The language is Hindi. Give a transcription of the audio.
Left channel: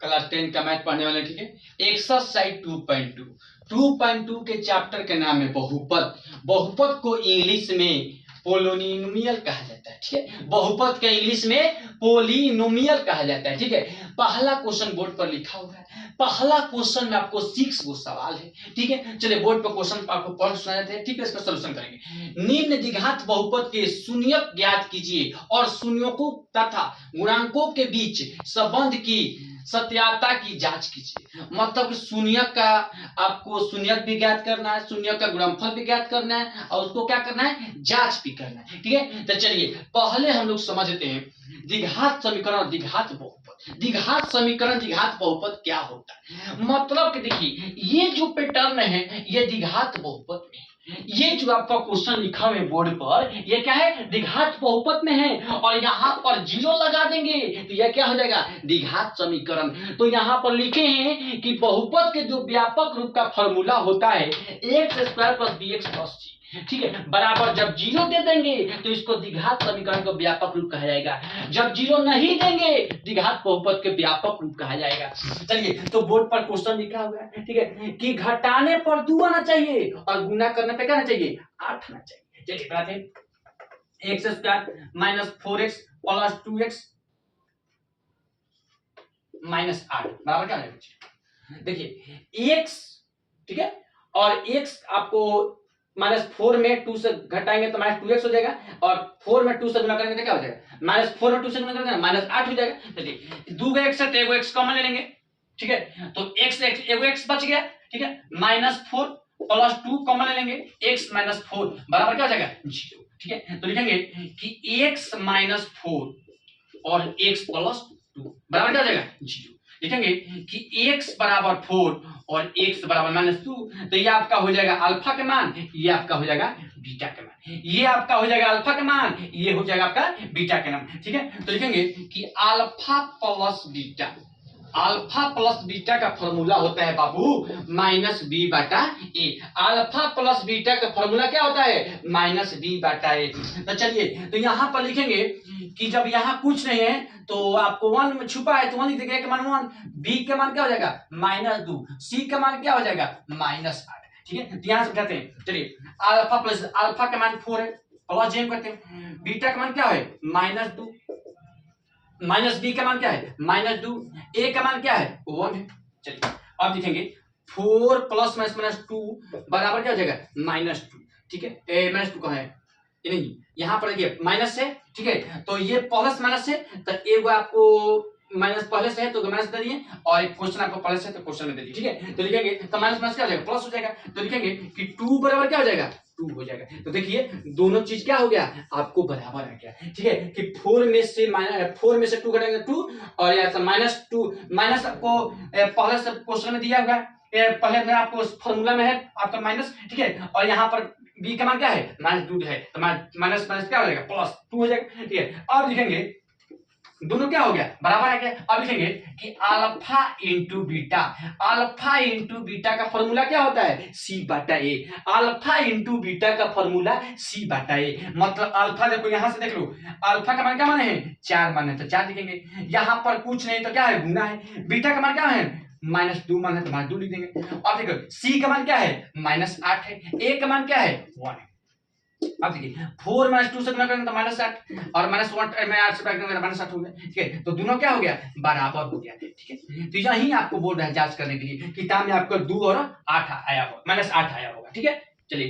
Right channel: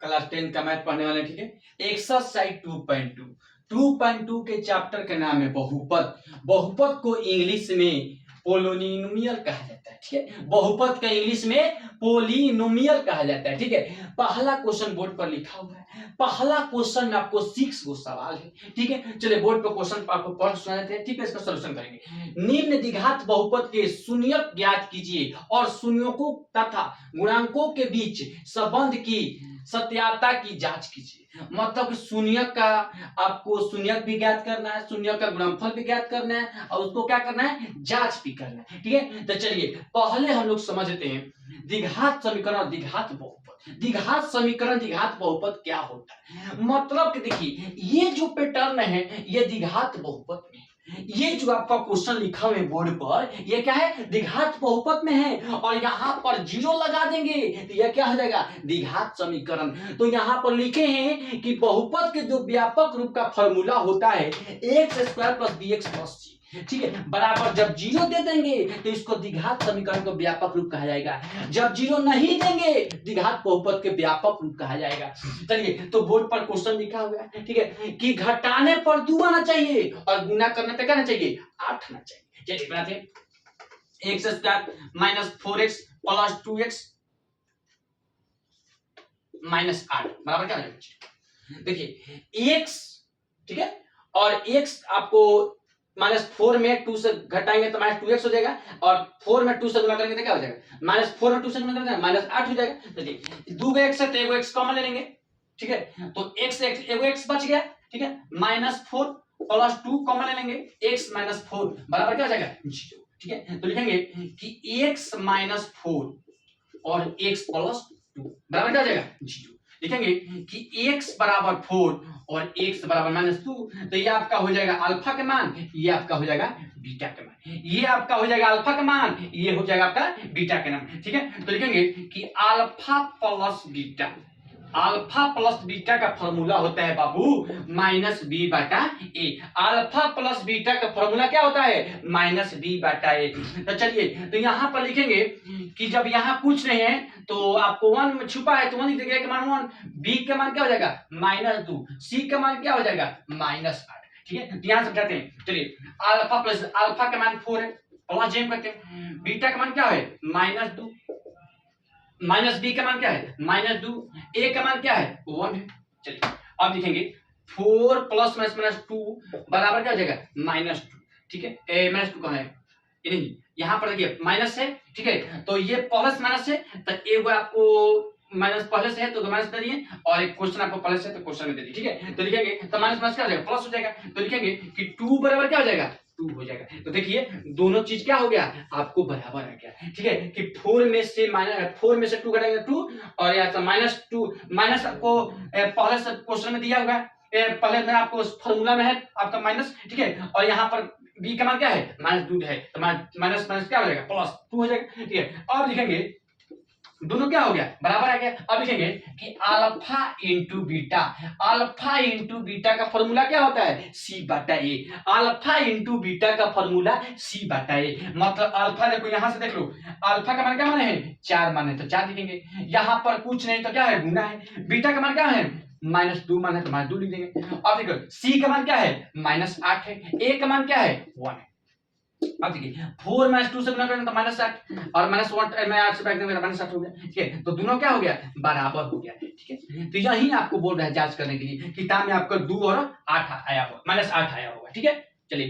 क्लास 10 का मैथ पढ़ने वाले, ठीक है। एक्सरसाइज 2.2 के चैप्टर का नाम है बहुपद। बहुपद को इंग्लिश में पोलिनोमियल कहा जाता है, ठीक है। बहुपद का इंग्लिश में पोलिनोमियल कहा जाता है, ठीक है। पहला क्वेश्चन बोर्ड पर लिखा हुआ है। पहला क्वेश्चन में आपको 6 गो सवाल है, ठीक है। चलिए बोर्ड पर क्वेश्चन आपको पढ़ सुनाते हैं, ठीक है। इसका सॉल्यूशन करेंगे। निम्न द्विघात बहुपद के शून्यक ज्ञात कीजिए और शून्यकों तथा गुणांकों के बीच संबंध की सत्याता की जांच कीजिए। मतलब शून्यक का आपको शून्यक भी ज्ञात करना है, शून्यक का गुणनफल भी ज्ञात करना है और उसको क्या करना है, जांच भी करना है, ठीक है। तो चलिए पहले हम लोग समझते हैं द्विघात समीकरण और द्विघात बहुपद। द्विघात समीकरण द्विघात बहुपद क्या होता है, मतलब कि देखिए ये जो पैटर्न है ये द्विघात बहुपद में, ये जो आपका क्वेश्चन लिखा हुआ है बोर्ड पर ये क्या है, द्विघात बहुपद में है। और यहाँ पर जीरो लगा देंगे तो यह क्या हो जाएगा, द्विघात समीकरण। तो यहाँ पर लिखे हैं कि बहुपद के जो व्यापक रूप का फॉर्मूला होता है x square plus b x plus c, ठीक है, बराबर जब जीरो दे देंगे तो इसको द्विघात समीकरण का व्यापक रूप कहा जाएगा। जब जीरो नहीं देंगे द्विघात बहुपद के व्यापक रूप कहा जाएगा। चलिए तो बोर्ड पर क्वेश्चन लिखा हुआ है, ठीक है, कि घटाने पर 2 आना चाहिए और गुना करने पे क्या आना चाहिए, 8 आना चाहिए। चलिए बनाते हैं। X square minus 4x plus 2x minus 8 बराबर क्या आएगा। देखिए x, ठीक है, और x आपको -4 में 2 से घटाएंगे तो -2x हो जाएगा और 4 में 2 से गुना करेंगे तो क्या हो जाएगा, -4 में 2 से गुना करेंगे -8 हो जाएगा। चलिए 2 का x है तो एगो x कॉमन ले लेंगे, ठीक है, तो x एगो x बच गया, ठीक है, -4 प्लस 2 कॉमन ले लेंगे, x -4 बराबर क्या हो जाएगा 0, ठीक है। तो लिखेंगे कि x -4 और x प्लस 2 बराबर क्या हो जाएगा 0। लिखेंगे कि x बराबर 4 और x बराबर -2, तो ये आपका हो जाएगा अल्फा का मान, ये आपका हो जाएगा बीटा का मान, ये आपका हो जाएगा अल्फा का मान, ये हो जाएगा आपका बीटा का मान, ठीक है। तो लिखेंगे कि alpha plus beta, alpha plus beta का फॉर्मूला होता है बाबू -b/a। अल्फा प्लस बीटा का फॉर्मूला क्या होता है, -b/a। तो चलिए तो यहां पर लिखेंगे कि जब यहां कुछ नहीं है तो आपको 1 में छुपा है तो 1 लिख देंगे, मान 1, b का मान क्या हो जाएगा -2, c का मान क्या हो जाएगा -8, ठीक है। ध्यान से बताते हैं। चलिए अल्फा प्लस अल्फा का मान 4 है, प्लस जेम करते हैं, बीटा का मान क्या है -2, माइनस बी का मान क्या है -2, ए का मान क्या है 1 है। चलिए अब लिखेंगे 4 प्लस -2 बराबर क्या हो जाएगा -2, ठीक है। -2 कहाँ है, ये नहीं, यहाँ पर देखिए माइनस है, ठीक है, तो ये प्लस माइनस है तो एक आपको माइनस पहले से है तो माइनस दे दिए और एक क्वेश्चन आपको प्लस है तो क्वेश्चन में दे दिए, ठीक है। तो लिखेंगे तो माइनस क्या हो जाएगा प्लस हो जाएगा, तो लिखेंगे कि 2 बराबर क्या हो जाएगा 2 हो जाएगा। तो देखिए दोनों चीज क्या हो गया आपको बराबर आ गया, ठीक है, कि 4 में से 2 घटाएंगे 2 और यहाँ से -2 माइनस आपको पहले से क्वेश्चन में दिया होगा, पहले में आपको फॉर्मूला में है आपका माइनस, ठीक है, और यहाँ पर बी का मान क्या है -2 है तो माइनस क्या हो जाएगा +2 हो जाएगा, ठीक है। अब लिखेंगे दोनों क्या हो गया बराबर आ गया। अब लिखेंगे कि alpha into beta, alpha into beta का फॉर्मूला क्या होता है c/a, अल्फा इंटू बीटा का फॉर्मूला c/a। मतलब अल्फा देखो यहां से देख लो, अल्फा का मान क्या मान है 4 मान है तो 4 लिखेंगे, यहां पर कुछ नहीं तो क्या है गुना है, बीटा का मान क्या है -2 मान है तो -2 लिख देंगे। अब देखो c का मान क्या है -8 है, a का मान क्या है 1 है। अब देखिए 4 - 2 से गुना करेंगे तो -8 और -1 में 8 से भाग देंगे तो -8 हो गया, ठीक है। तो दोनों क्या हो गया बराबर हो गया, ठीक है। तो यही आपको बोल रहा है जांच करने के लिए, किताब में आपको 2 और 8 आया होगा, -8 आया होगा, ठीक है।